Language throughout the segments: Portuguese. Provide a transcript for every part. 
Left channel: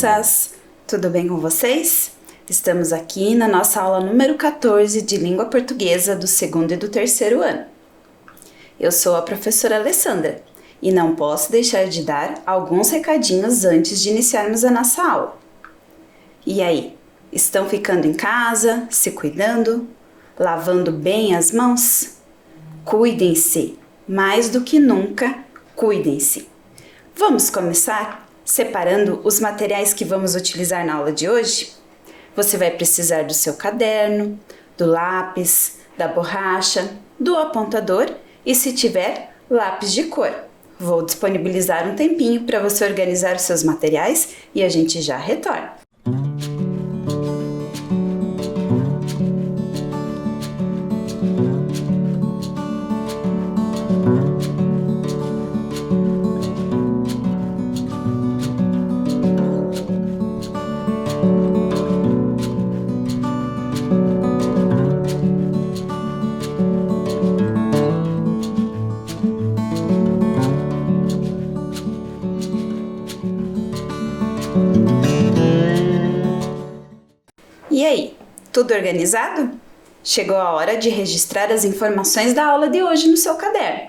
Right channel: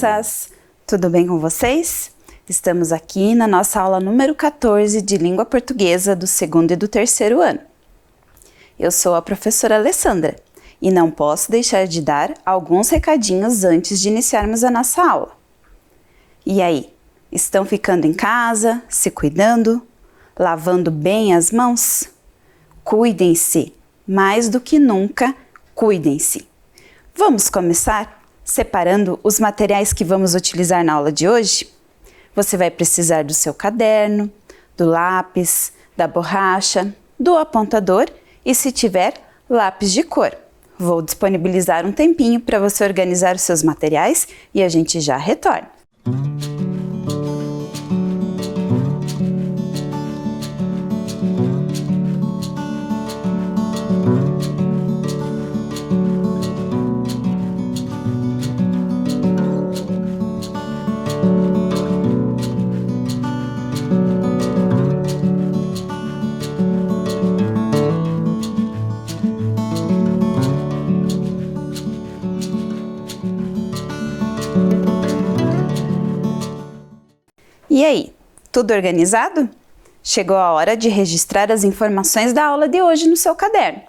crianças! Tudo bem com vocês? Estamos aqui na nossa aula número 14 de Língua Portuguesa do segundo e do terceiro ano. Eu sou a professora Alessandra e não posso deixar de dar alguns recadinhos antes de iniciarmos a nossa aula. E aí, estão ficando em casa, se cuidando, lavando bem as mãos? Cuidem-se, mais do que nunca, cuidem-se! Vamos começar separando os materiais que vamos utilizar na aula de hoje? Você vai precisar do seu caderno, do lápis, da borracha, do apontador e, se tiver, lápis de cor. Vou disponibilizar um tempinho para você organizar os seus materiais e a gente já retorna. E aí, tudo organizado? Chegou a hora de registrar as informações da aula de hoje no seu caderno.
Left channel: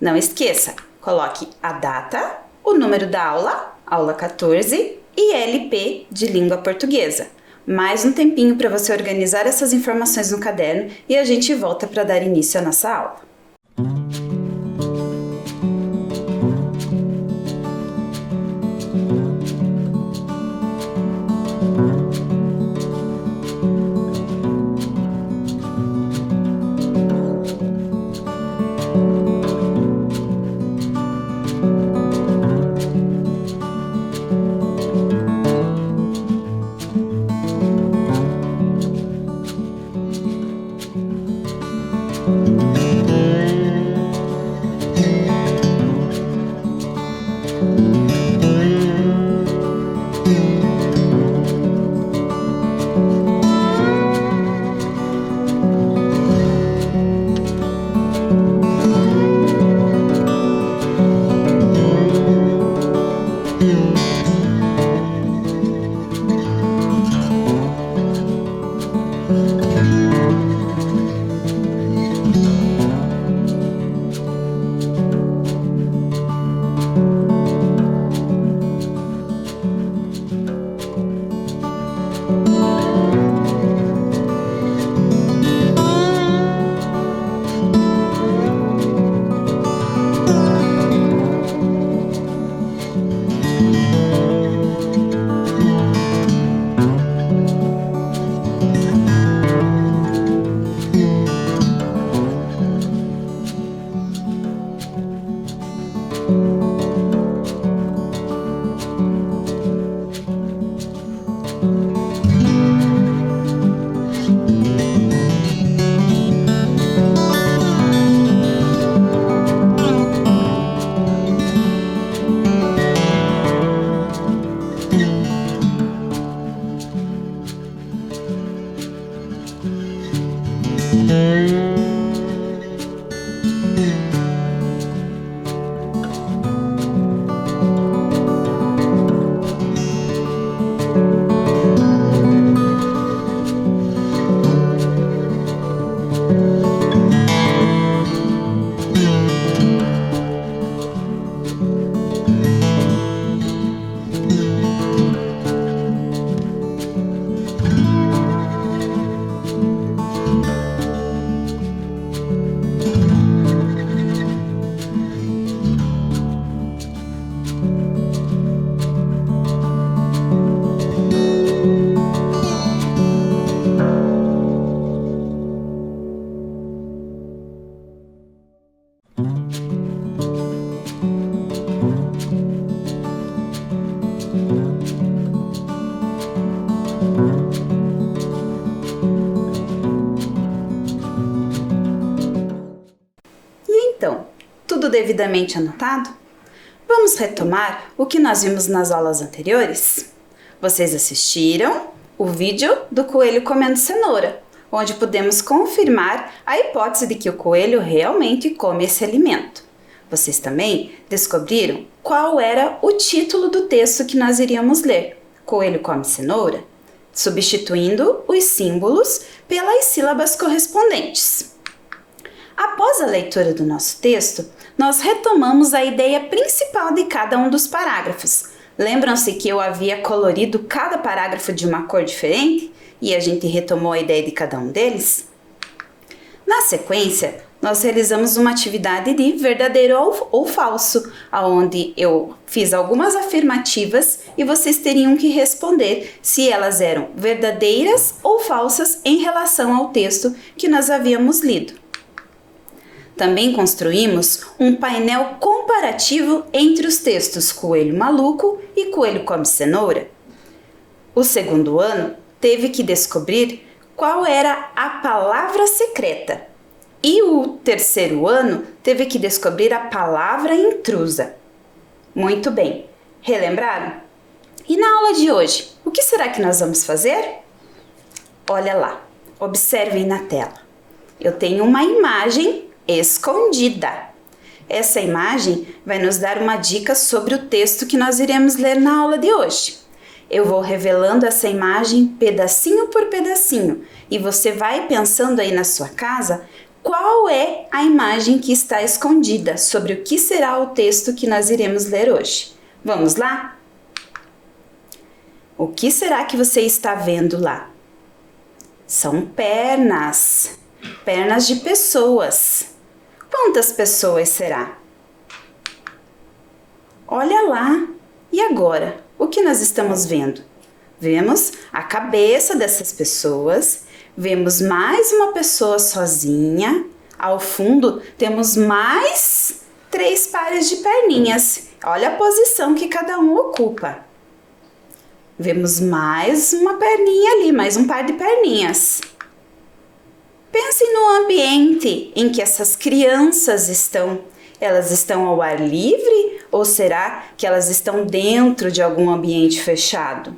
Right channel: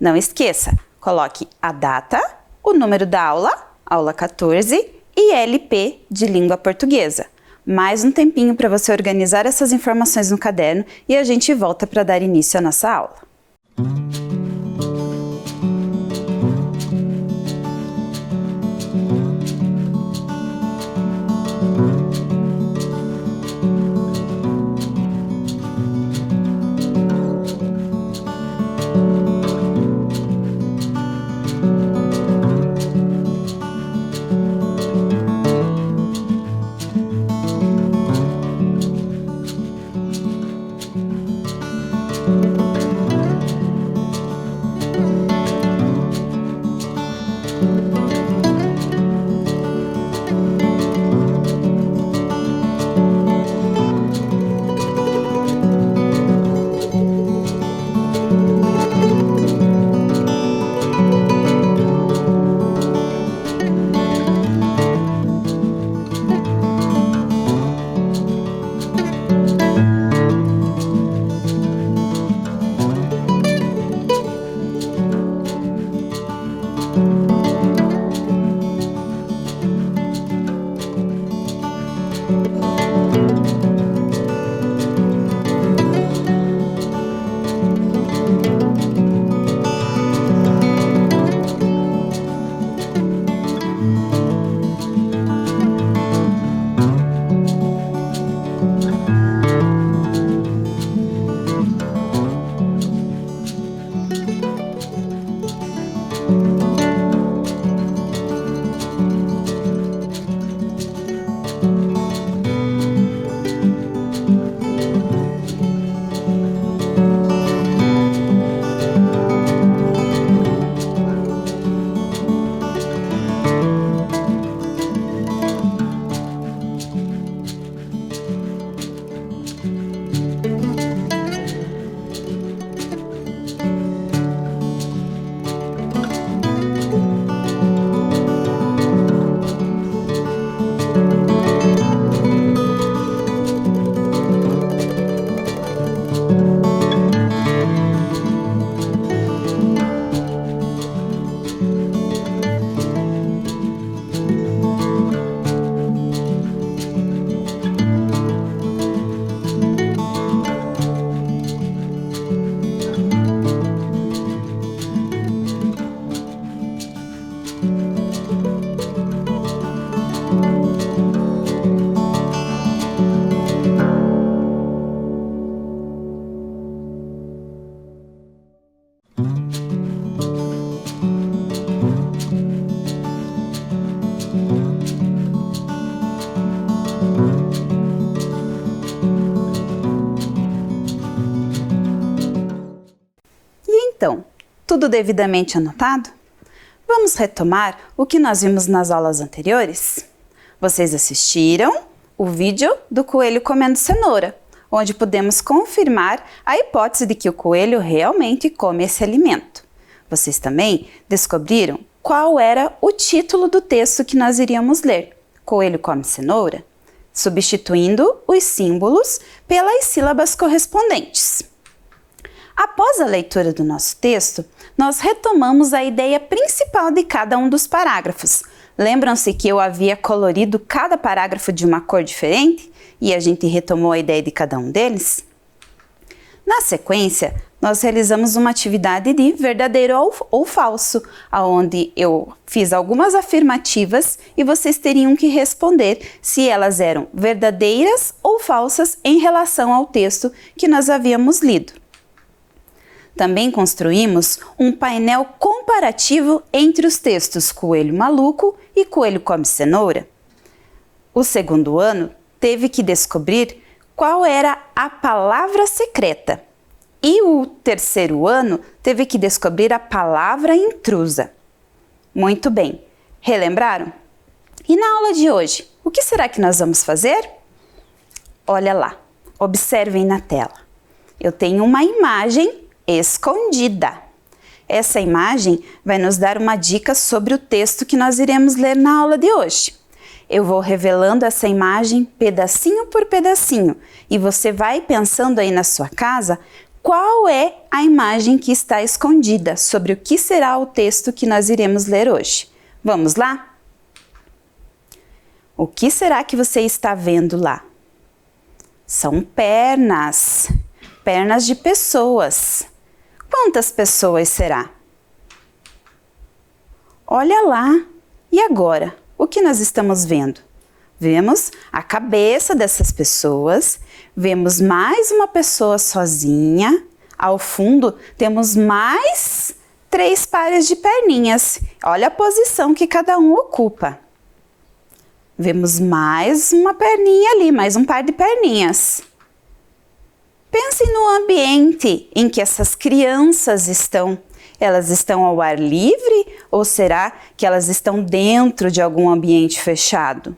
Não esqueça, coloque a data, o número da aula, aula 14 e LP de língua portuguesa. Mais um tempinho para você organizar essas informações no caderno e a gente volta para dar início à nossa aula. Tudo devidamente anotado? Vamos retomar o que nós vimos nas aulas anteriores? Vocês assistiram o vídeo do coelho comendo cenoura, onde podemos confirmar a hipótese de que o coelho realmente come esse alimento. Vocês também descobriram qual era o título do texto que nós iríamos ler. coelho come cenoura, substituindo os símbolos pelas sílabas correspondentes. Após a leitura do nosso texto, nós retomamos a ideia principal de cada um dos parágrafos. Lembram-se que eu havia colorido cada parágrafo de uma cor diferente e a gente retomou a ideia de cada um deles? Na sequência, nós realizamos uma atividade de verdadeiro ou falso, onde eu fiz algumas afirmativas e vocês teriam que responder se elas eram verdadeiras ou falsas em relação ao texto que nós havíamos lido. Também construímos um painel comparativo entre os textos Coelho Maluco e Coelho Come Cenoura. O segundo ano teve que descobrir qual era a palavra secreta e o terceiro ano teve que descobrir a palavra intrusa. Muito bem, relembraram? E na aula de hoje, o que será que nós vamos fazer? Olha lá, observem na tela. Eu tenho uma imagem escondida. Essa imagem vai nos dar uma dica sobre o texto que nós iremos ler na aula de hoje. Eu vou revelando essa imagem pedacinho por pedacinho e você vai pensando aí na sua casa qual é a imagem que está escondida sobre o que será o texto que nós iremos ler hoje. Vamos lá? O que será que você está vendo lá? São pernas, pernas de pessoas. Quantas pessoas será? Olha lá! E agora? O que nós estamos vendo? Vemos a cabeça dessas pessoas, vemos mais uma pessoa sozinha, ao fundo temos mais 3 pares de perninhas. Olha a posição que cada um ocupa. Vemos mais uma perninha ali, mais um par de perninhas. Pensem no ambiente em que essas crianças estão. Elas estão ao ar livre ou será que elas estão dentro de algum ambiente fechado?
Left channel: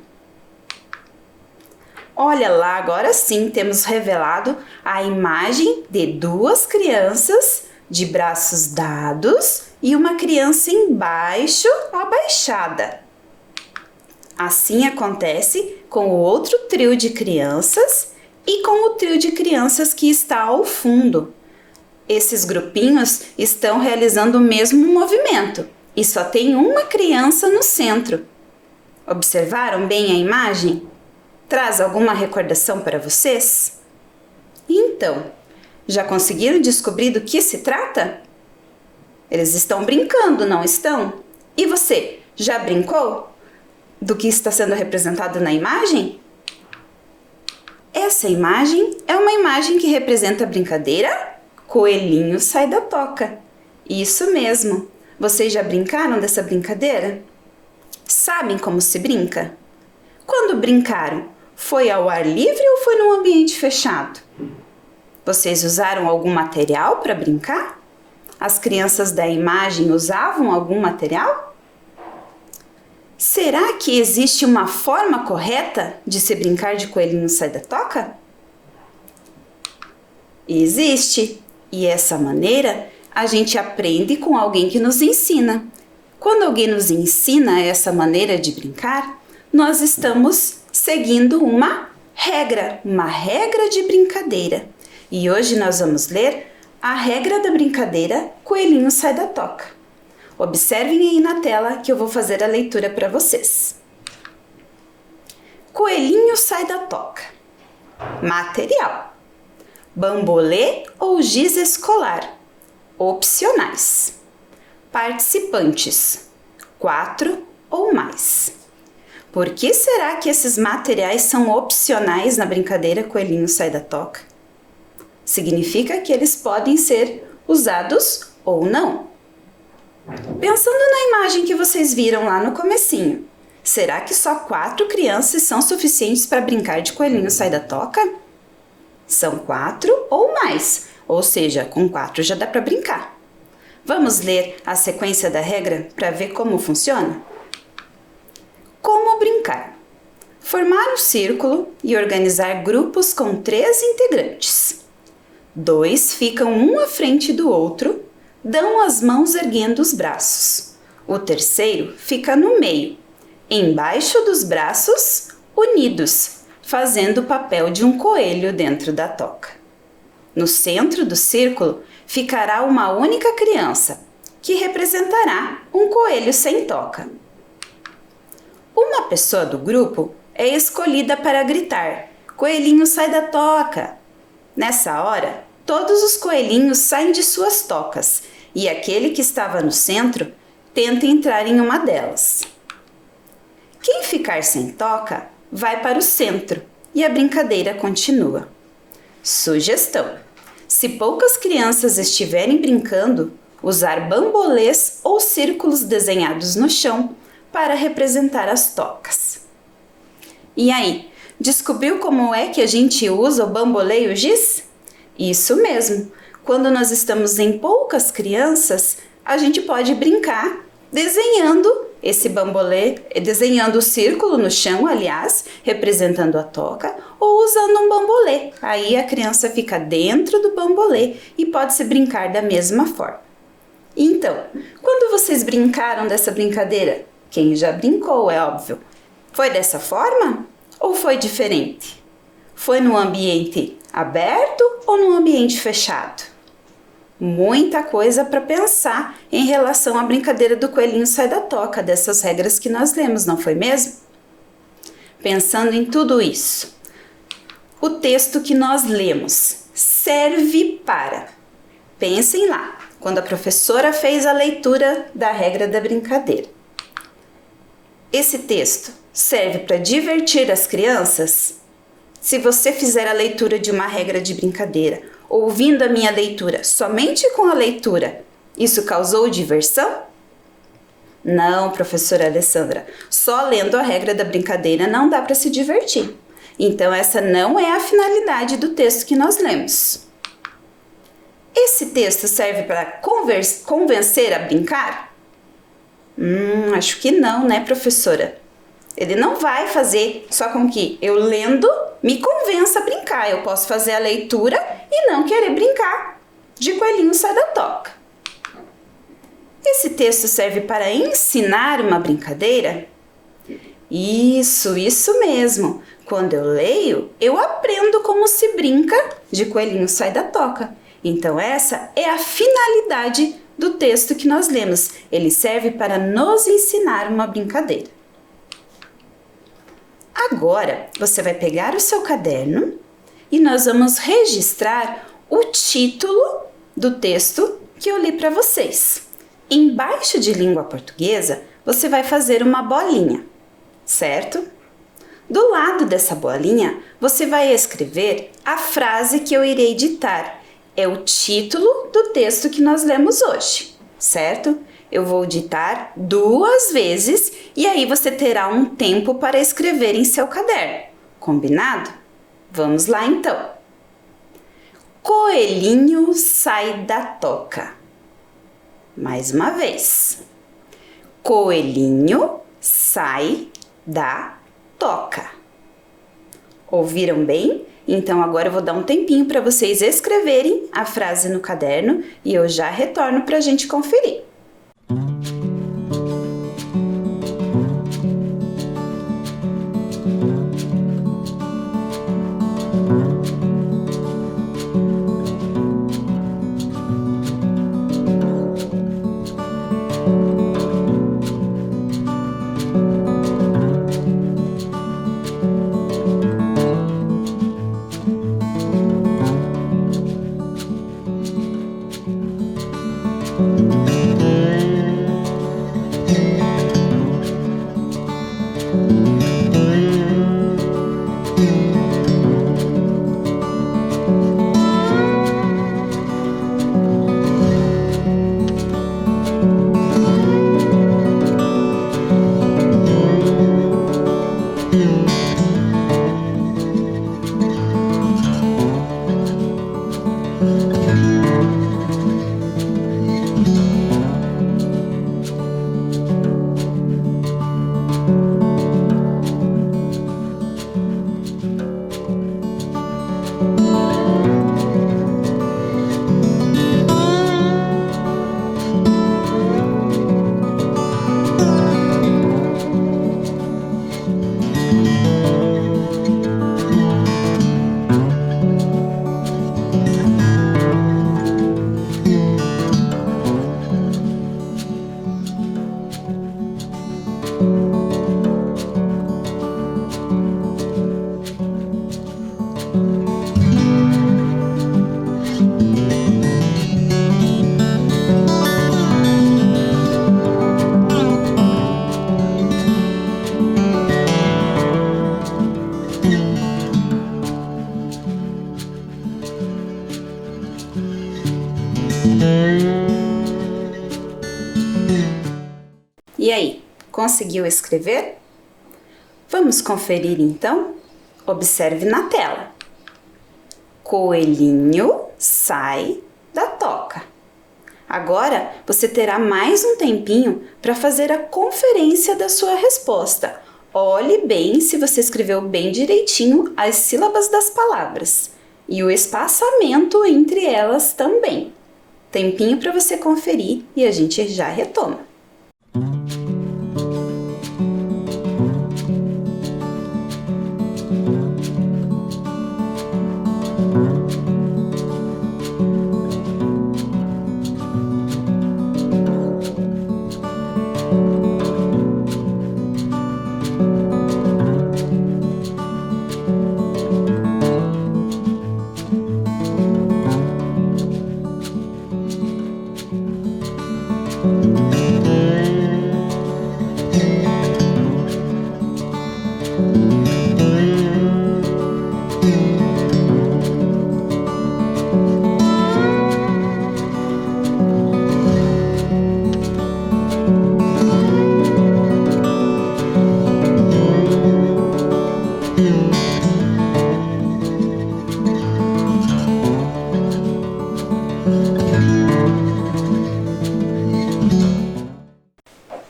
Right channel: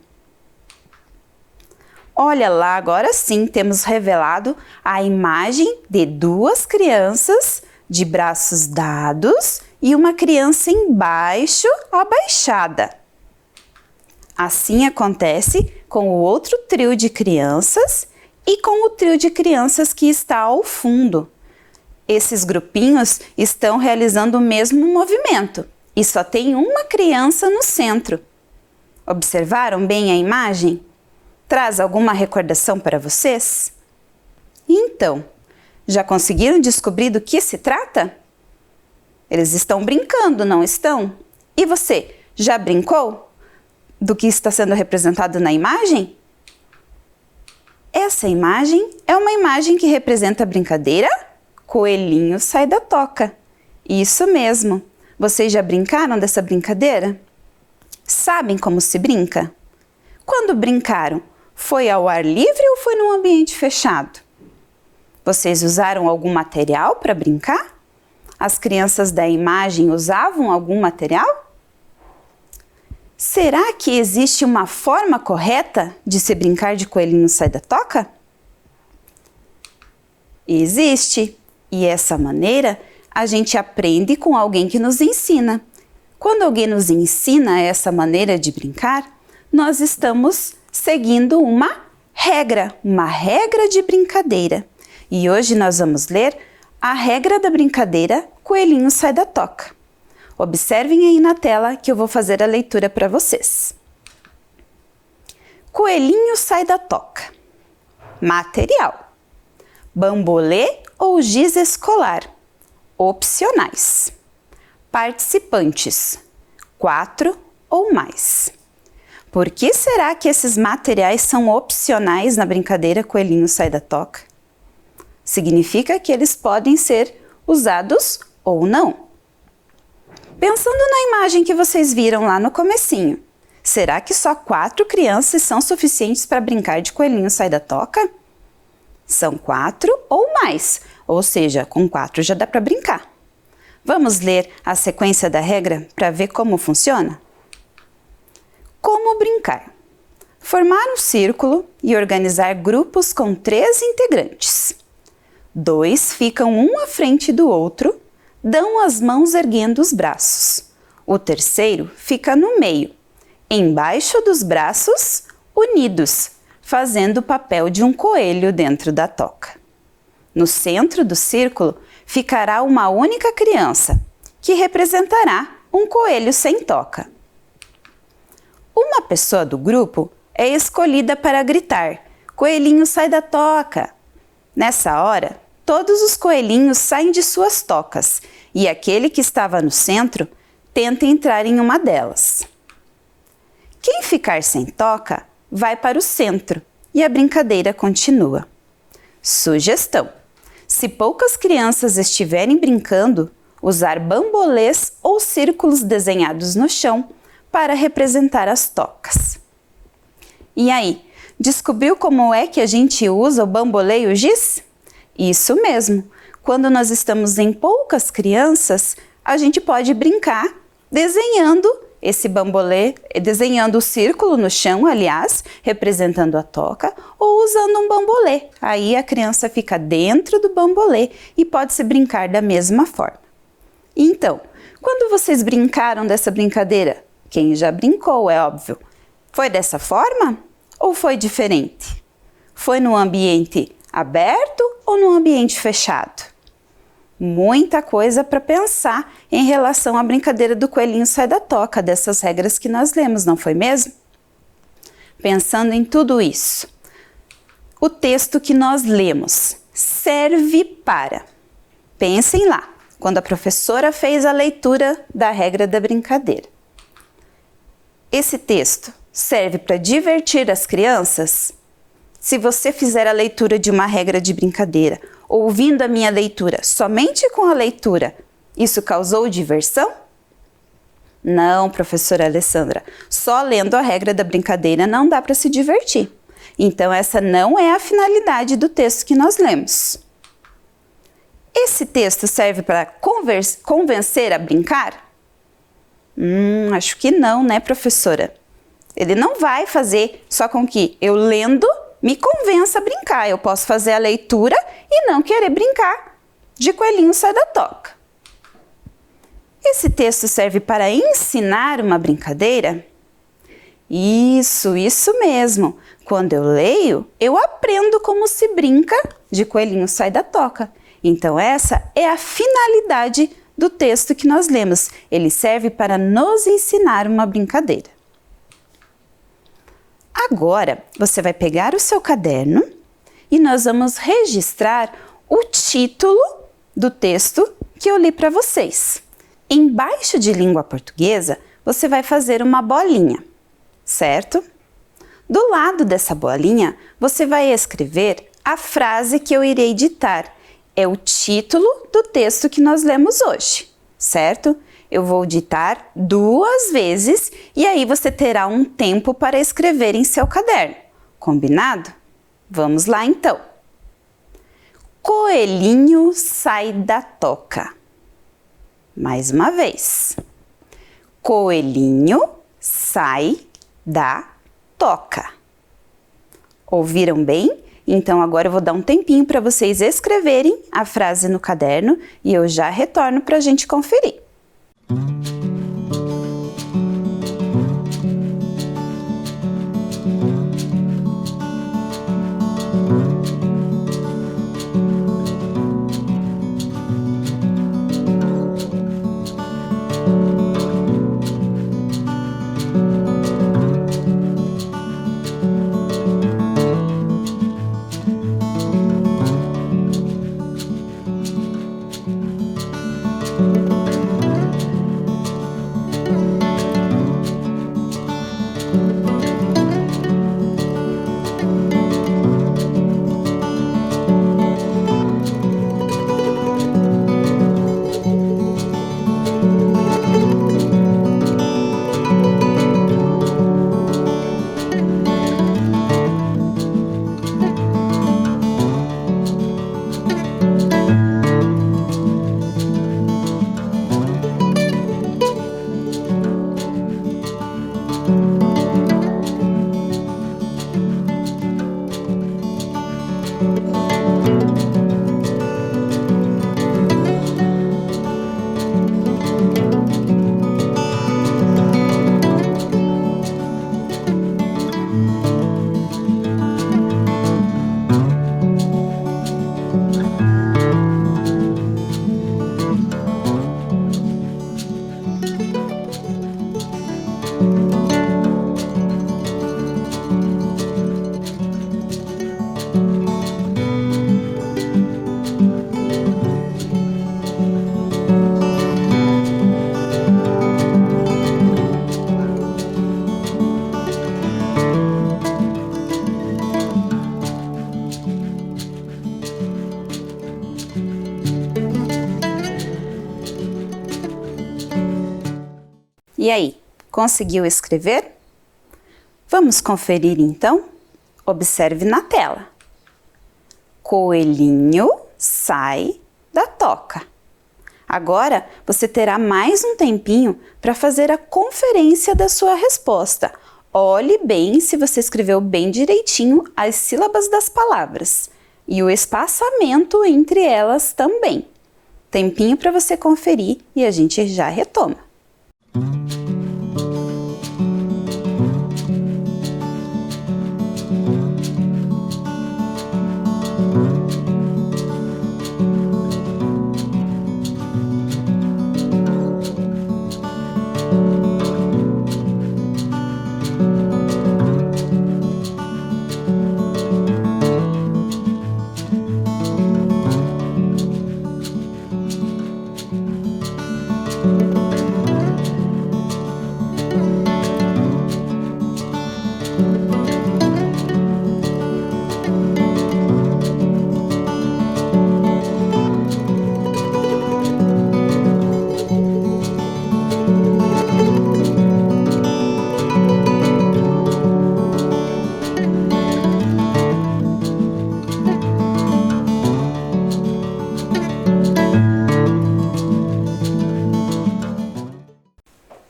Olha lá, agora sim temos revelado a imagem de 2 crianças de braços dados e uma criança embaixo, abaixada. Assim acontece com o outro trio de crianças e com o trio de crianças que está ao fundo. Esses grupinhos estão realizando o mesmo movimento e só tem uma criança no centro. Observaram bem a imagem? Traz alguma recordação para vocês? Então, já conseguiram descobrir do que se trata? Eles estão brincando, não estão? E você, já brincou do que está sendo representado na imagem? Essa imagem é uma imagem que representa a brincadeira Coelhinho Sai da Toca. Isso mesmo. Vocês já brincaram dessa brincadeira? Sabem como se brinca? Quando brincaram, foi ao ar livre ou foi num ambiente fechado? Vocês usaram algum material para brincar? As crianças da imagem usavam algum material? Será que existe uma forma correta de se brincar de Coelhinho Sai da Toca? Existe. E essa maneira a gente aprende com alguém que nos ensina. Quando alguém nos ensina essa maneira de brincar, nós estamos seguindo uma regra de brincadeira. E hoje nós vamos ler a regra da brincadeira Coelhinho Sai da Toca. Observem aí na tela que eu vou fazer a leitura para vocês. Coelhinho sai da toca. Material: bambolê ou giz escolar, opcionais. Participantes: 4 ou mais. Por que será que esses materiais são opcionais na brincadeira Coelhinho Sai da Toca? Significa que eles podem ser usados ou não. Pensando na imagem que vocês viram lá no comecinho, será que só 4 crianças são suficientes para brincar de Coelhinho Sai da Toca? São 4 ou mais, ou seja, com 4 já dá para brincar. Vamos ler a sequência da regra para ver como funciona? Como brincar? Formar um círculo e organizar grupos com 3 integrantes. 2 ficam um à frente do outro, dão as mãos erguendo os braços. O terceiro fica no meio, embaixo dos braços, unidos, fazendo o papel de um coelho dentro da toca. No centro do círculo ficará uma única criança, que representará um coelho sem toca. Uma pessoa do grupo é escolhida para gritar: "Coelhinho, sai da toca!" Nessa hora, todos os coelhinhos saem de suas tocas e aquele que estava no centro tenta entrar em uma delas. Quem ficar sem toca vai para o centro e a brincadeira continua. Sugestão: se poucas crianças estiverem brincando, usar bambolês ou círculos desenhados no chão para representar as tocas. E aí, descobriu como é que a gente usa o bambolê e o giz? Isso mesmo! Quando nós estamos em poucas crianças, a gente pode brincar desenhando esse bambolê, desenhando o círculo no chão, aliás, representando a toca, ou usando um bambolê. Aí a criança fica dentro do bambolê e pode-se brincar da mesma forma. Então, quando vocês brincaram dessa brincadeira? Quem já brincou, é óbvio. Foi dessa forma ou foi diferente? Foi no ambiente aberto ou no ambiente fechado? Muita coisa para pensar em relação à brincadeira do coelhinho sai da toca, dessas regras que nós lemos, não foi mesmo? Pensando em tudo isso, o texto que nós lemos serve para... Pensem lá, quando a professora fez a leitura da regra da brincadeira. Esse texto serve para divertir as crianças? Se você fizer a leitura de uma regra de brincadeira, ouvindo a minha leitura somente com a leitura, isso causou diversão? Não, professora Alessandra, só lendo a regra da brincadeira não dá para se divertir. Então essa não é a finalidade do texto que nós lemos. Esse texto serve para convencer a brincar? Acho que não, né, professora? Ele não vai fazer só com que eu lendo me convença a brincar. Eu posso fazer a leitura e não querer brincar de coelhinho sai da toca. Esse texto serve para ensinar uma brincadeira? Isso mesmo. Quando eu leio, eu aprendo como se brinca de coelhinho sai da toca. Então essa é a finalidade do texto que nós lemos. Ele serve para nos ensinar uma brincadeira. Agora, você vai pegar o seu caderno e nós vamos registrar o título do texto que eu li para vocês. Embaixo de língua portuguesa, você vai fazer uma bolinha, certo? Do lado dessa bolinha, você vai escrever a frase que eu irei ditar. É o título do texto que nós lemos hoje, certo? Eu vou ditar 2 vezes e aí você terá um tempo para escrever em seu caderno. Combinado? Vamos lá então. Coelhinho sai da toca. Mais uma vez. Coelhinho sai da toca. Ouviram bem? Então agora eu vou dar um tempinho para vocês escreverem a frase no caderno e eu já retorno para a gente conferir. Conseguiu escrever? Vamos conferir então? Observe na tela. Coelhinho sai da toca. Agora você terá mais um tempinho para fazer a conferência da sua resposta. Olhe bem se você escreveu bem direitinho as sílabas das palavras e o espaçamento entre elas também. Tempinho para você conferir e a gente já retoma.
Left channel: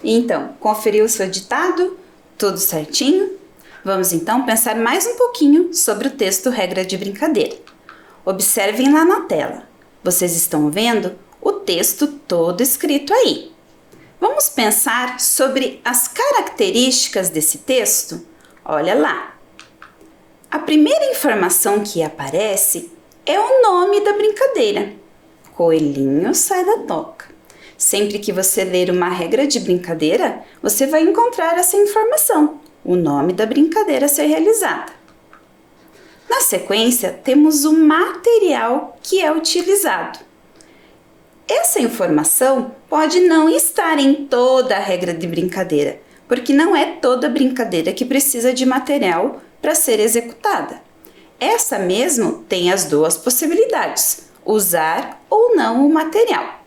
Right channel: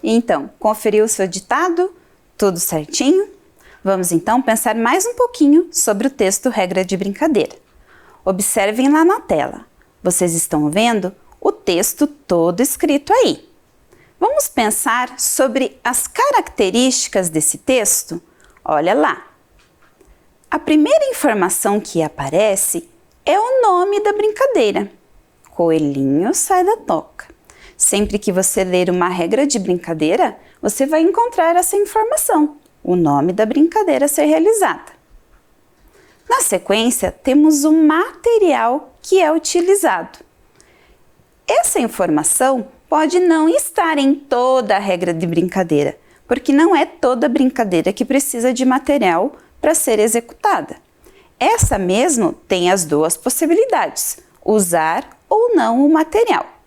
Então, conferiu o seu ditado? Tudo certinho? Vamos então pensar mais um pouquinho sobre o texto Regra de Brincadeira. Observem lá na tela. Vocês estão vendo o texto todo escrito aí. Vamos pensar sobre as características desse texto? Olha lá. A primeira informação que aparece é o nome da brincadeira. Coelhinho sai da toca. Sempre que você ler uma regra de brincadeira, você vai encontrar essa informação, o nome da brincadeira a ser realizada. Na sequência, temos o material que é utilizado. Essa informação pode não estar em toda a regra de brincadeira, porque não é toda brincadeira que precisa de material para ser executada. Essa mesmo tem as duas possibilidades, usar ou não o material.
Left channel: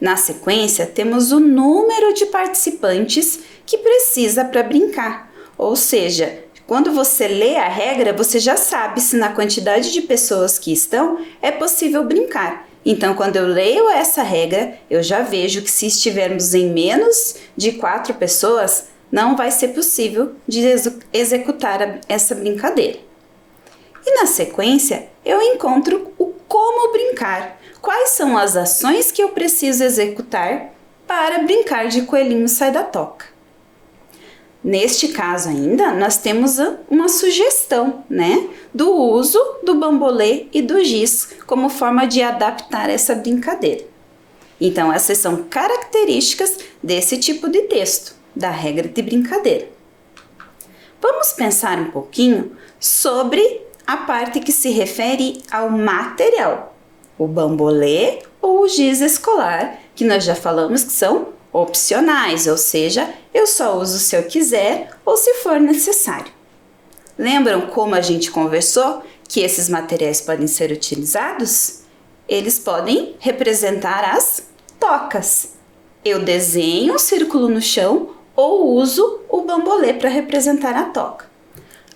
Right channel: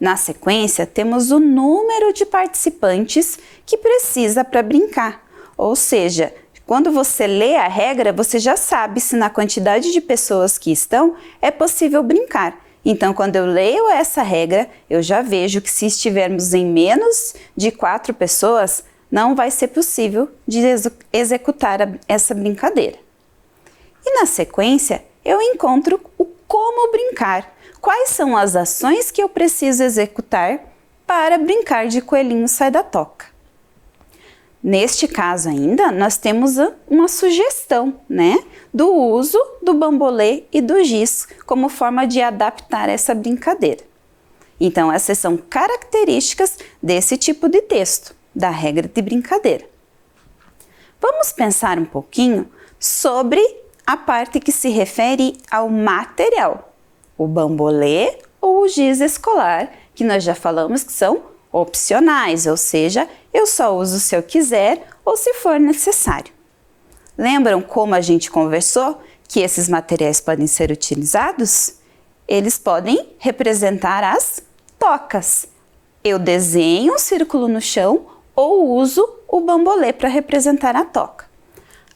Na sequência, temos o número de participantes que precisa para brincar, ou seja, quando você lê a regra, você já sabe se na quantidade de pessoas que estão é possível brincar. Então, quando eu leio essa regra, eu já vejo que se estivermos em menos de 4 pessoas, não vai ser possível de executar essa brincadeira. E na sequência, eu encontro o como brincar. Quais são as ações que eu preciso executar para brincar de coelhinho sai da toca? Neste caso ainda, nós temos uma sugestão, do uso do bambolê e do giz como forma de adaptar essa brincadeira. Então, essas são características desse tipo de texto, da regra de brincadeira. Vamos pensar um pouquinho sobre a parte que se refere ao material. O bambolê ou o giz escolar, que nós já falamos que são opcionais, ou seja, eu só uso se eu quiser ou se for necessário. Lembram como a gente conversou que esses materiais podem ser utilizados? Eles podem representar as tocas. Eu desenho um círculo no chão ou uso o bambolê para representar a toca.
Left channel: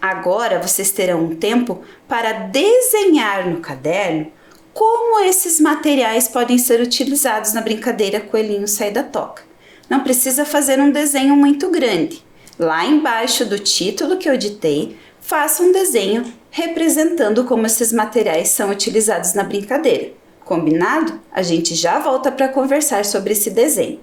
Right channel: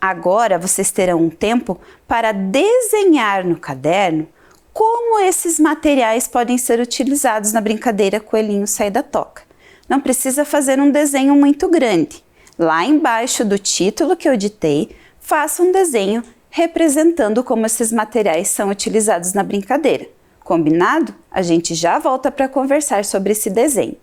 Agora vocês terão um tempo para desenhar no caderno como esses materiais podem ser utilizados na brincadeira Coelhinho Sai da Toca. Não precisa fazer um desenho muito grande. Lá embaixo do título que eu ditei, faça um desenho representando como esses materiais são utilizados na brincadeira. Combinado? A gente já volta para conversar sobre esse desenho.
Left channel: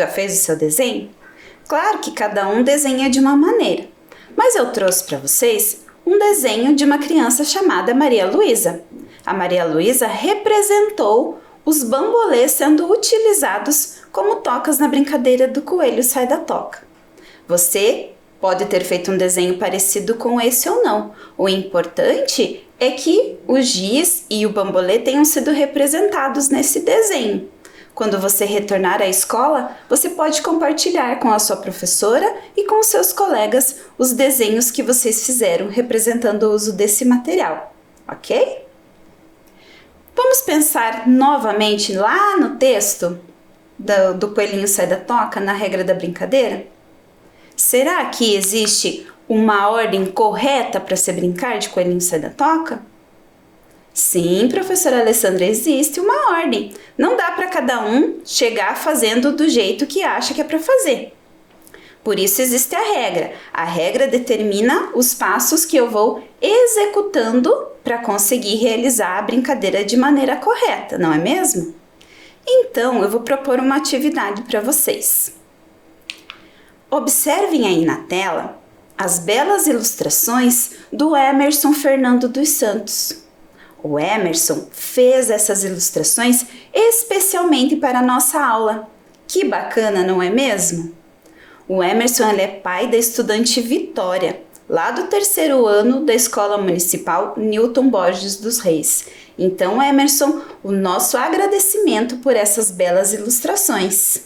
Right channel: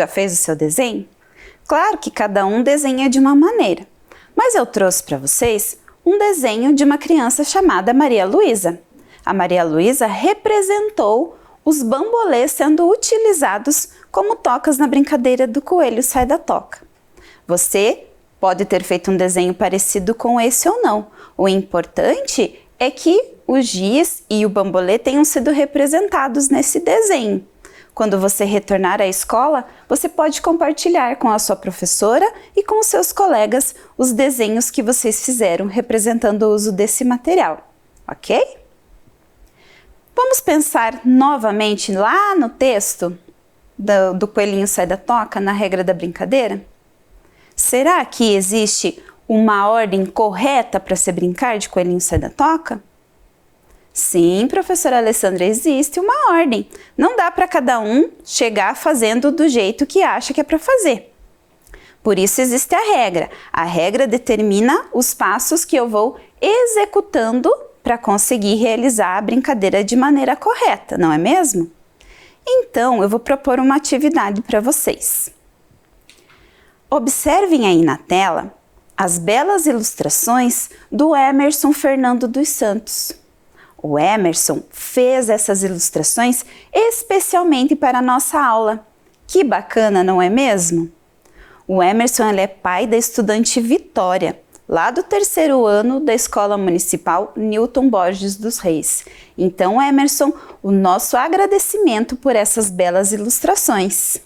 Já fez o seu desenho? Claro que cada um desenha de uma maneira, mas eu trouxe para vocês um desenho de uma criança chamada Maria Luísa. A Maria Luísa representou os bambolês sendo utilizados como tocas na brincadeira do coelho sai da toca. Você pode ter feito um desenho parecido com esse ou não. O importante é que o giz e o bambolê tenham sido representados nesse desenho. Quando você retornar à escola, você pode compartilhar com a sua professora e com seus colegas os desenhos que vocês fizeram representando o uso desse material, ok? Vamos pensar novamente lá no texto do coelhinho sai da toca, na regra da brincadeira? Será que existe uma ordem correta para se brincar de coelhinho sai da toca? Sim, professora Alessandra, existe uma ordem. Não dá para cada um chegar fazendo do jeito que acha que é para fazer. Por isso existe a regra. A regra determina os passos que eu vou executando para conseguir realizar a brincadeira de maneira correta, não é mesmo? Então, eu vou propor uma atividade para vocês. Observem aí na tela as belas ilustrações do Emerson Fernando dos Santos. O Emerson fez essas ilustrações especialmente para a nossa aula. Que bacana, não é mesmo? O Emerson é pai da estudante Vitória, lá do 3º ano da Escola Municipal Newton Borges dos Reis. Então, Emerson, o nosso agradecimento por essas belas ilustrações.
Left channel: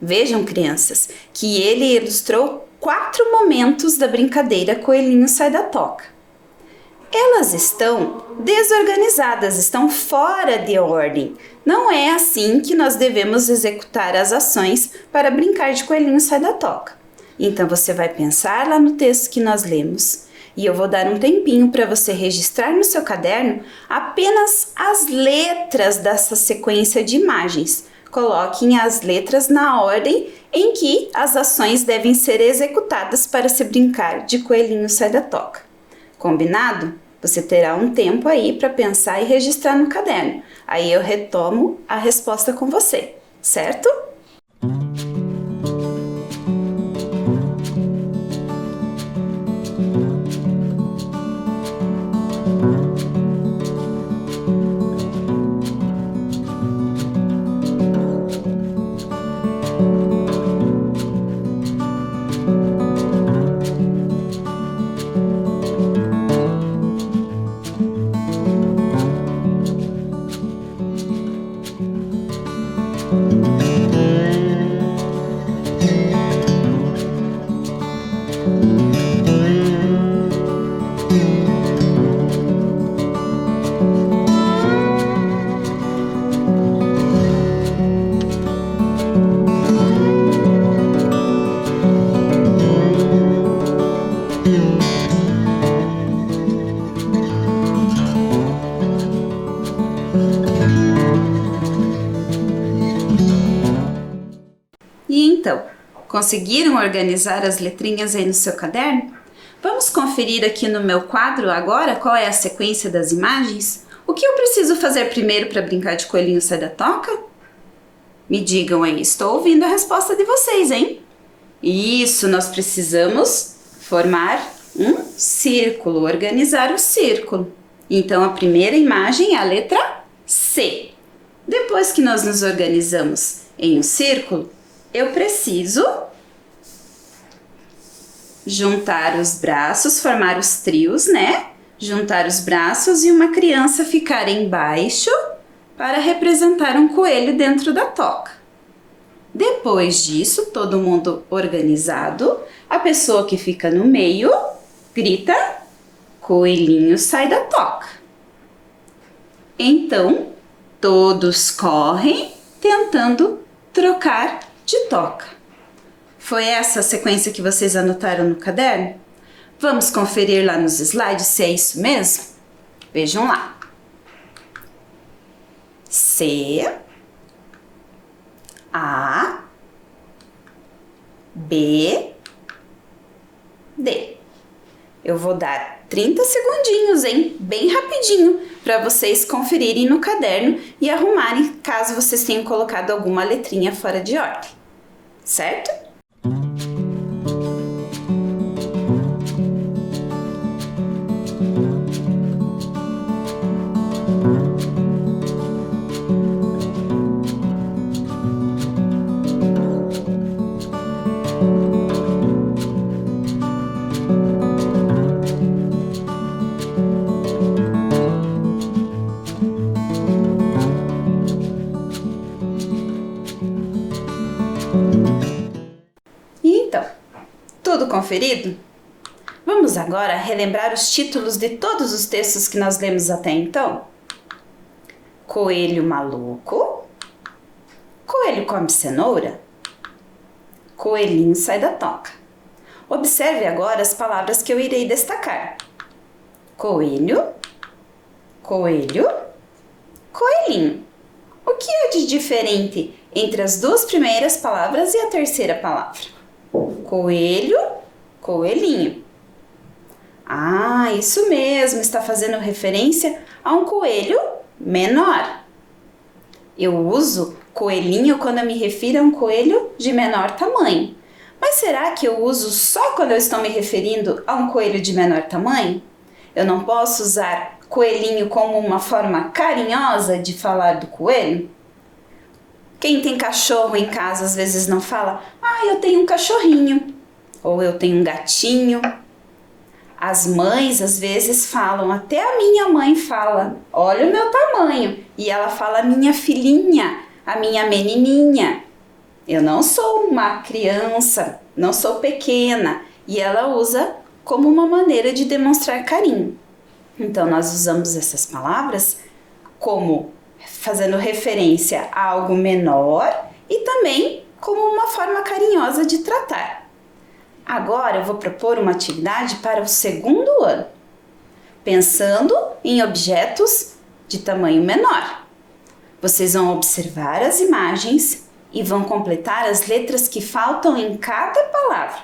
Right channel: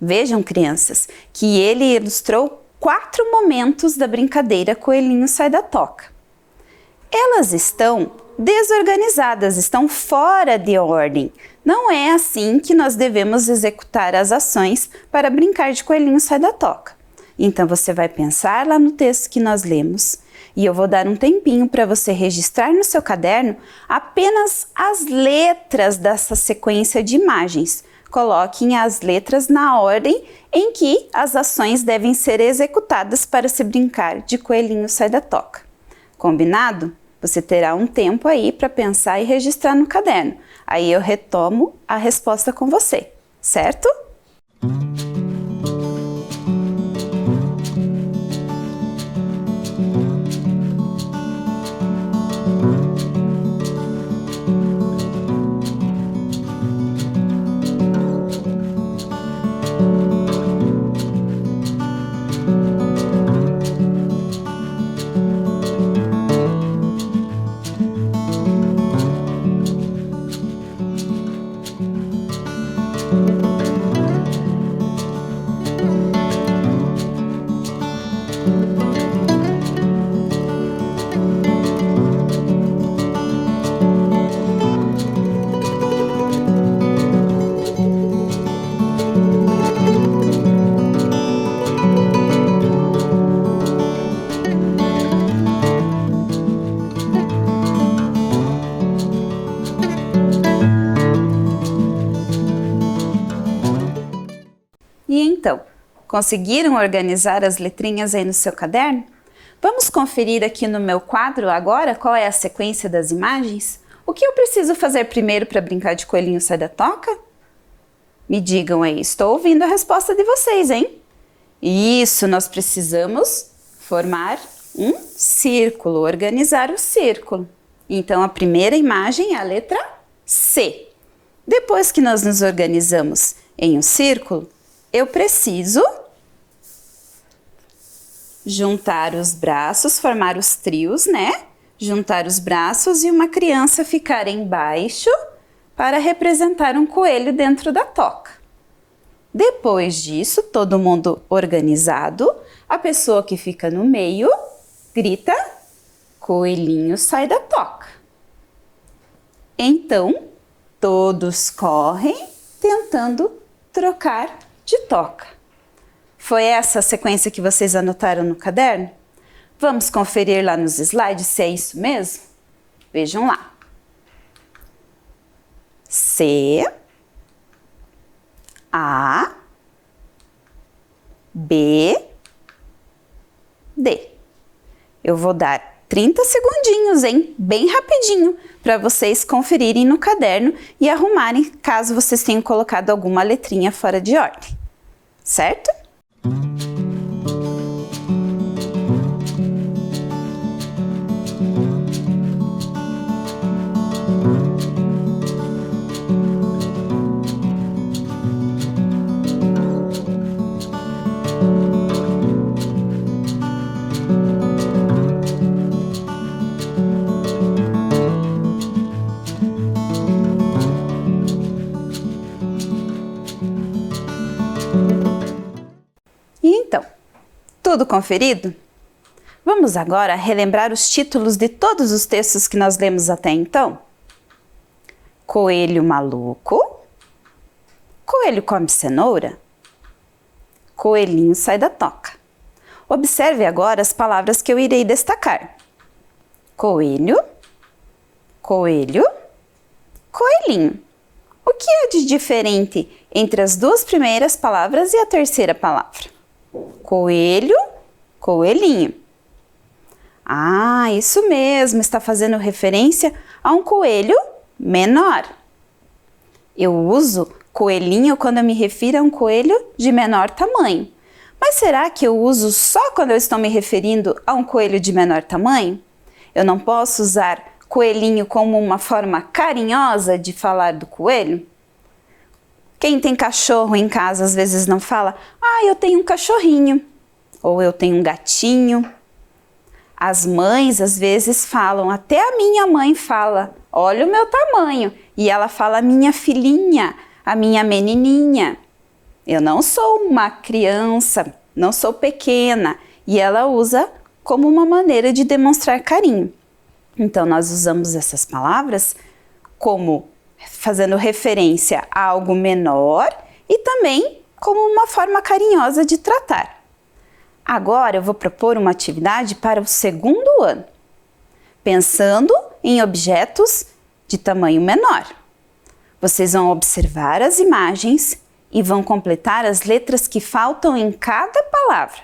Vejam, crianças, que ele ilustrou 4 momentos da brincadeira Coelhinho Sai da Toca. Elas estão desorganizadas, estão fora de ordem. Não é assim que nós devemos executar as ações para brincar de coelhinho sai da toca. Então você vai pensar lá no texto que nós lemos e eu vou dar um tempinho para você registrar no seu caderno apenas as letras dessa sequência de imagens. Coloquem as letras na ordem em que as ações devem ser executadas para se brincar de coelhinho sai da toca. Combinado? Você terá um tempo aí para pensar e registrar no caderno. Aí eu retomo a resposta com você, certo? E então, conseguiram organizar as letrinhas aí no seu caderno? Vamos conferir aqui no meu quadro agora qual é a sequência das imagens? O que eu preciso fazer primeiro para brincar de coelhinho sai da toca? Me digam aí, estou ouvindo a resposta de vocês, hein? Isso, nós precisamos formar um círculo, organizar o círculo. Então, a primeira imagem é a letra C. Depois que nós nos organizamos em um círculo, eu preciso juntar os braços, formar os trios, né? Juntar os braços e uma criança ficar embaixo para representar um coelho dentro da toca. Depois disso, todo mundo organizado, a pessoa que fica no meio grita: coelhinho sai da toca. Então, todos correm tentando trocar de toca. Foi essa a sequência que vocês anotaram no caderno? Vamos conferir lá nos slides se é isso mesmo? Vejam lá. C, A, B, D. Eu vou dar 30 segundinhos, hein? Bem rapidinho, para vocês conferirem no caderno e arrumarem caso vocês tenham colocado alguma letrinha fora de ordem, certo? Então, tudo conferido? Vamos agora relembrar os títulos de todos os textos que nós lemos até então? Coelho maluco, coelho come cenoura, coelhinho sai da toca. Observe agora as palavras que eu irei destacar. Coelho, coelho, coelhinho. O que é de diferente entre as duas primeiras palavras e a terceira palavra? Coelho, coelhinho. Ah, isso mesmo, está fazendo referência a um coelho menor. Eu uso coelhinho quando eu me refiro a um coelho de menor tamanho. Mas será que eu uso só quando eu estou me referindo a um coelho de menor tamanho? Eu não posso usar coelhinho como uma forma carinhosa de falar do coelho? Quem tem cachorro em casa às vezes não fala, eu tenho um cachorrinho, ou eu tenho um gatinho. As mães às vezes falam, até a minha mãe fala, olha o meu tamanho, e ela fala minha filhinha, a minha menininha. Eu não sou uma criança, não sou pequena, e ela usa como uma maneira de demonstrar carinho. Então nós usamos essas palavras como fazendo referência a algo menor e também como uma forma carinhosa de tratar. Agora eu vou propor uma atividade para o segundo ano, pensando em objetos de tamanho menor. Vocês vão observar as imagens e vão completar as letras que faltam em cada palavra.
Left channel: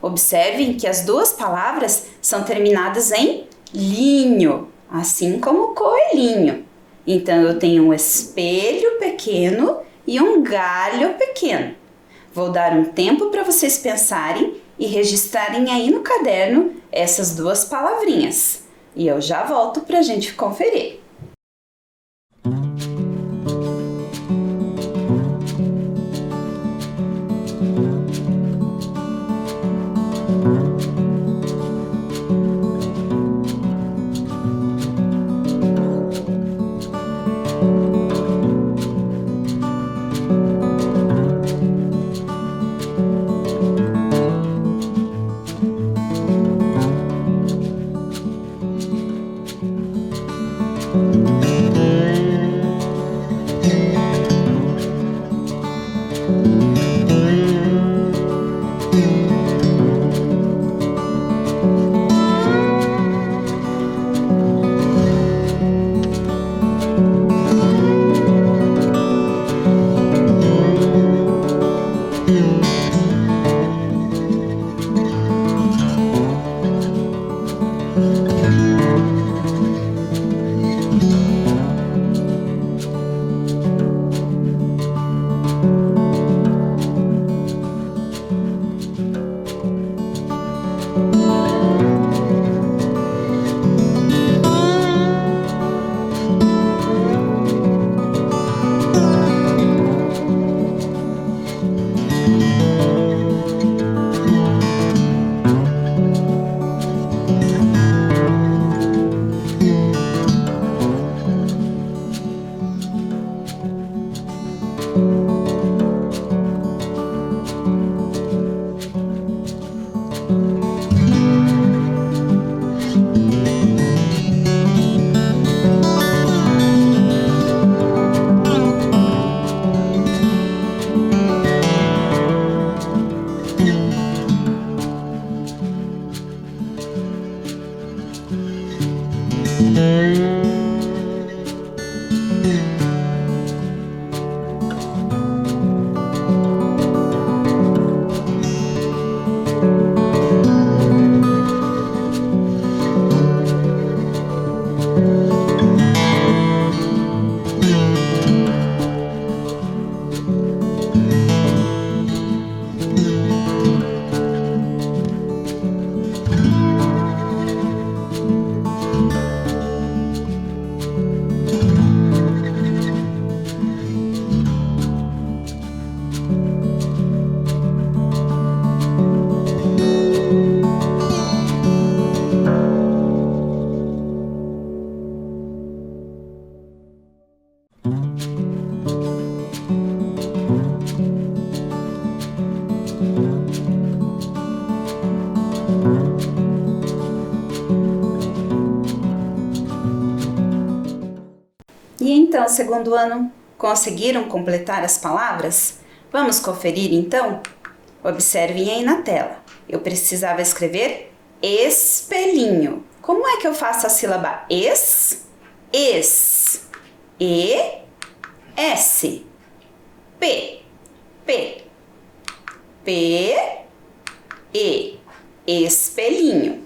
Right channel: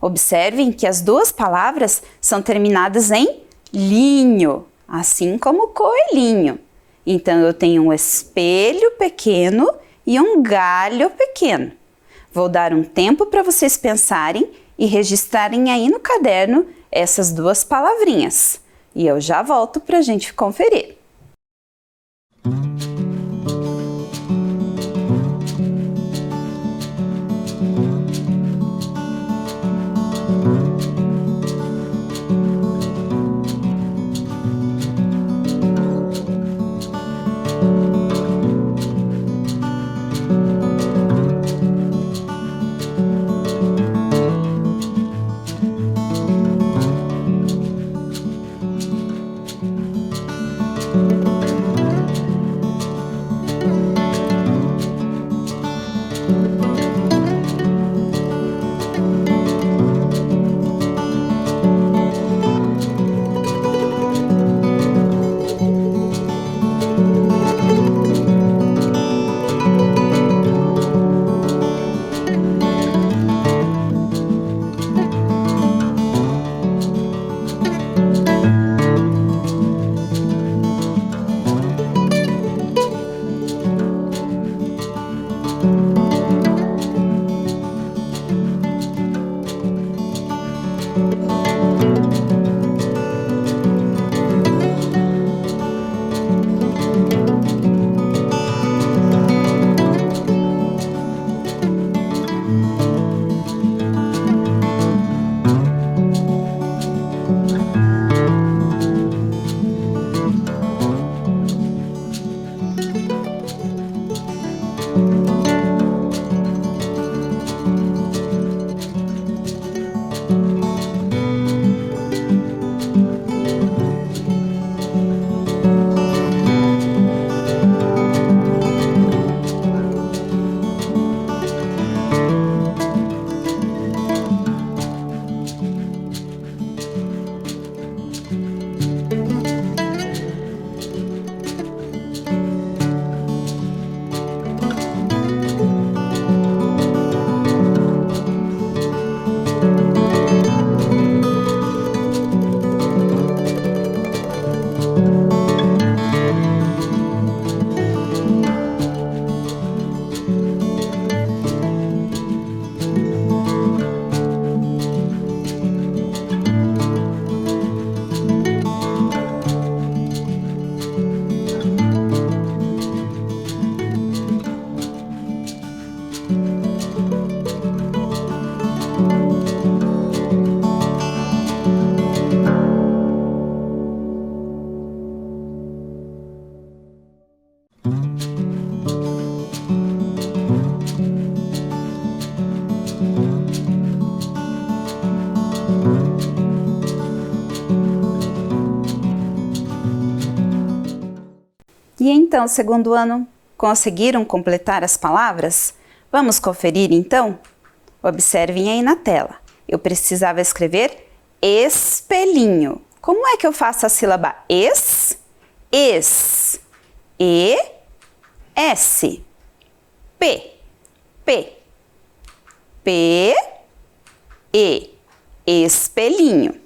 Observem que as duas palavras são terminadas em linho, assim como coelhinho. Então eu tenho um espelho pequeno e um galho pequeno. Vou dar um tempo para vocês pensarem e registrarem aí no caderno essas duas palavrinhas. E eu já volto para a gente conferir. então, segundo ano, conseguiram completar as palavras? Vamos conferir então? Observem aí na tela. Eu precisava escrever espelhinho. Como é que eu faço a sílaba es? Es. E, S. P. P. P. E. Espelhinho.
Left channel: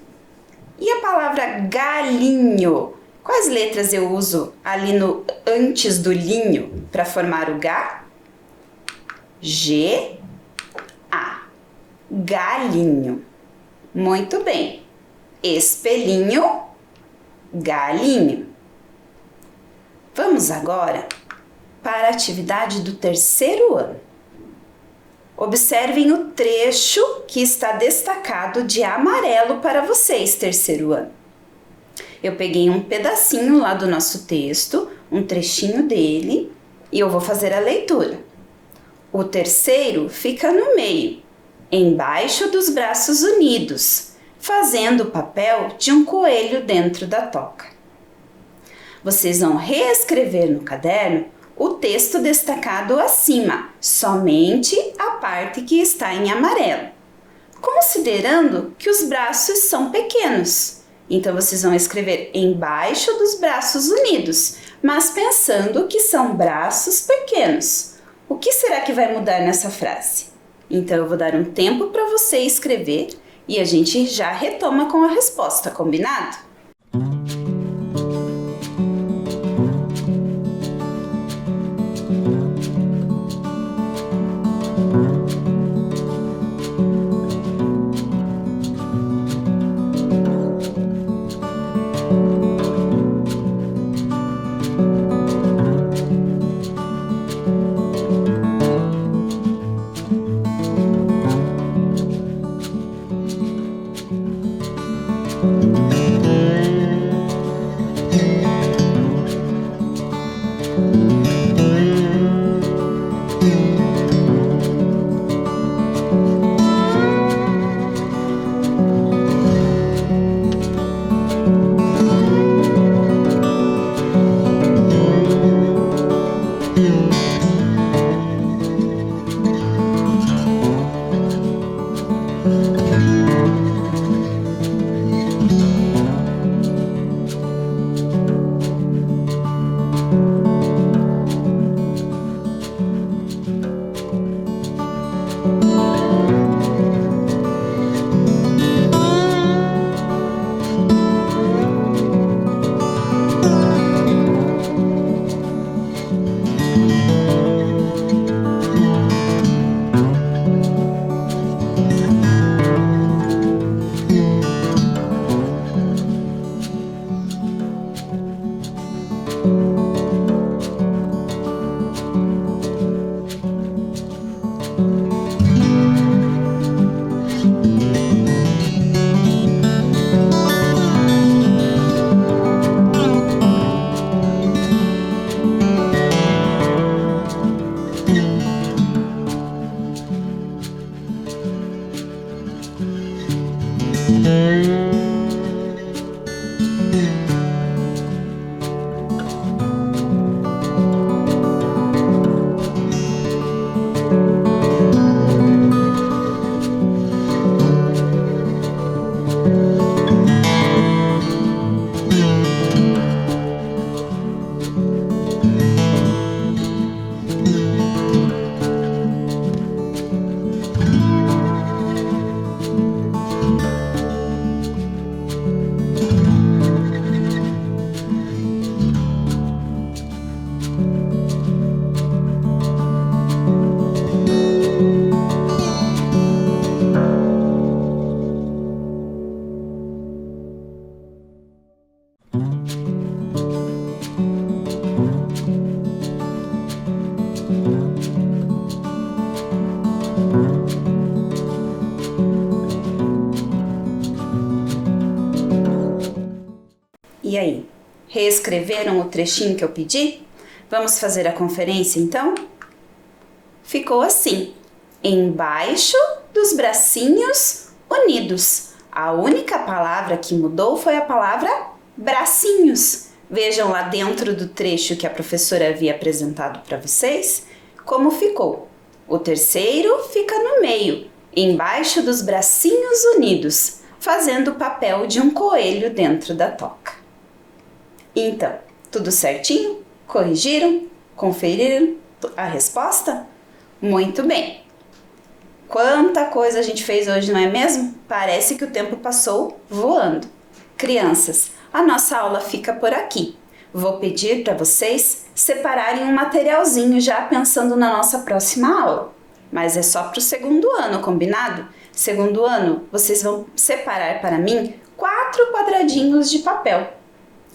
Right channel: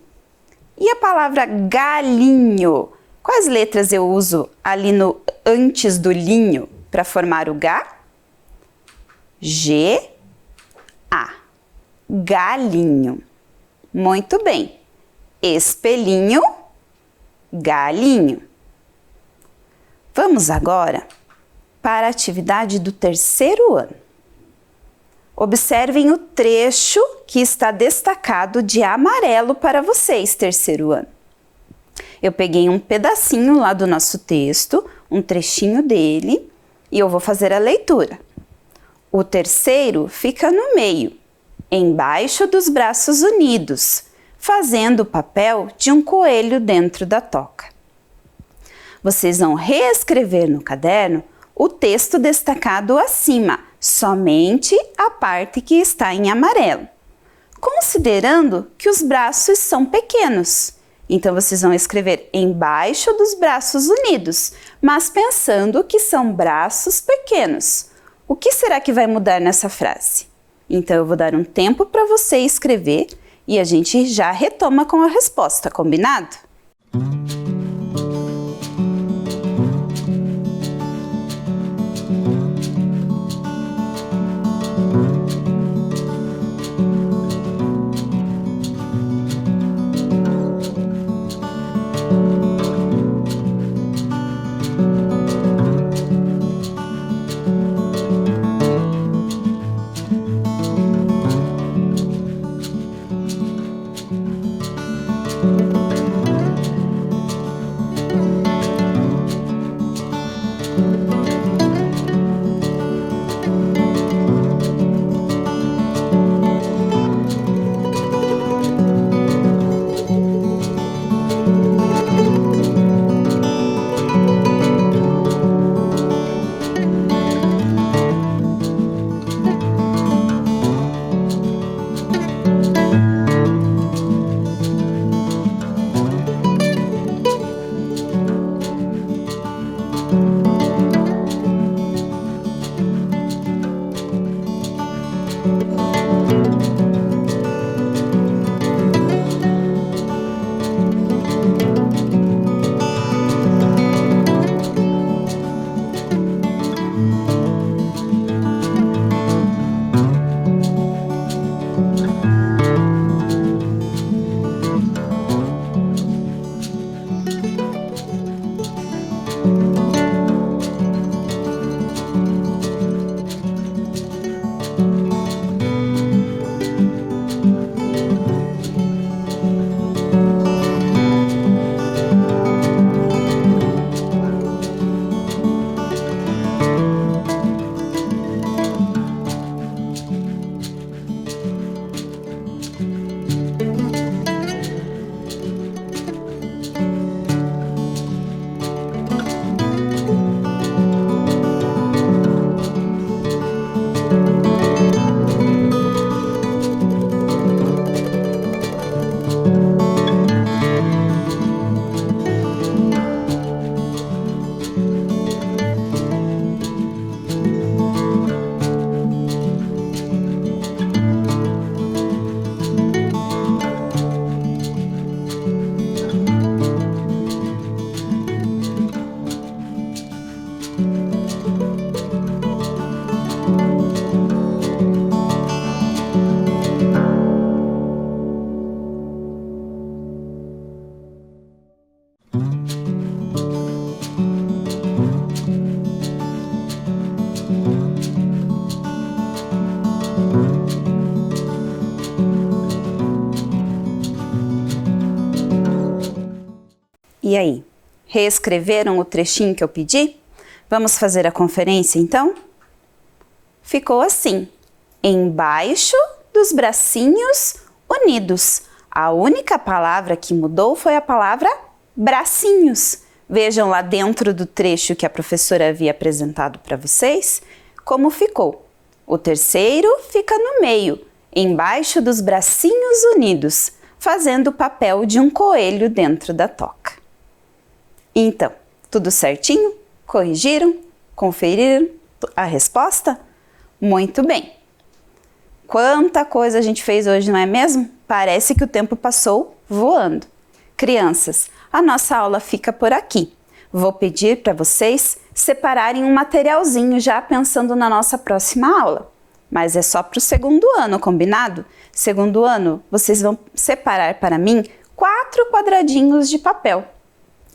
E a palavra galinho? Quais letras eu uso ali no antes do linho para formar o G? G, A. Galinho. Muito bem. Espelhinho, galinho. Vamos agora para a atividade do terceiro ano. Observem o trecho que está destacado de amarelo para vocês, terceiro ano. Eu peguei um pedacinho lá do nosso texto, um trechinho dele, e eu vou fazer a leitura. O terceiro fica no meio, embaixo dos braços unidos, fazendo o papel de um coelho dentro da toca. Vocês vão reescrever no caderno o texto destacado acima, somente a parte que está em amarelo, considerando que os braços são pequenos. Então, vocês vão escrever embaixo dos braços unidos, mas pensando que são braços pequenos. O que será que vai mudar nessa frase? Então, eu vou dar um tempo para você escrever e a gente já retoma com a resposta, combinado? E aí, reescreveram o trechinho que eu pedi? Vamos fazer a conferência então? Ficou assim, embaixo dos bracinhos unidos. A única palavra que mudou foi a palavra bracinhos. Vejam lá dentro do trecho que a professora havia apresentado para vocês como ficou. O terceiro fica no meio, embaixo dos bracinhos unidos, fazendo o papel de um coelho dentro da toca. Então, tudo certinho? Corrigiram? Conferiram a resposta? Muito bem! Quanta coisa a gente fez hoje, não é mesmo? Parece que o tempo passou voando. Crianças, a nossa aula fica por aqui. Vou pedir para vocês separarem um materialzinho já pensando na nossa próxima aula. Mas é só para o segundo ano, combinado? Segundo ano, vocês vão separar para mim 4 quadradinhos de papel.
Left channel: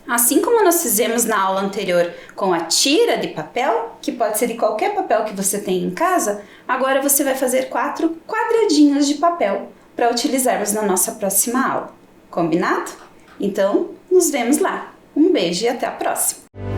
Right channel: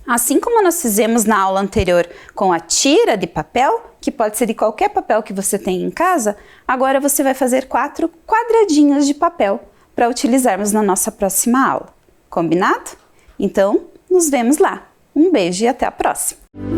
Assim como nós fizemos na aula anterior com a tira de papel, que pode ser de qualquer papel que você tem em casa, agora você vai fazer 4 quadradinhos de papel para utilizarmos na nossa próxima aula. Combinado? Então, nos vemos lá. Um beijo e até a próxima!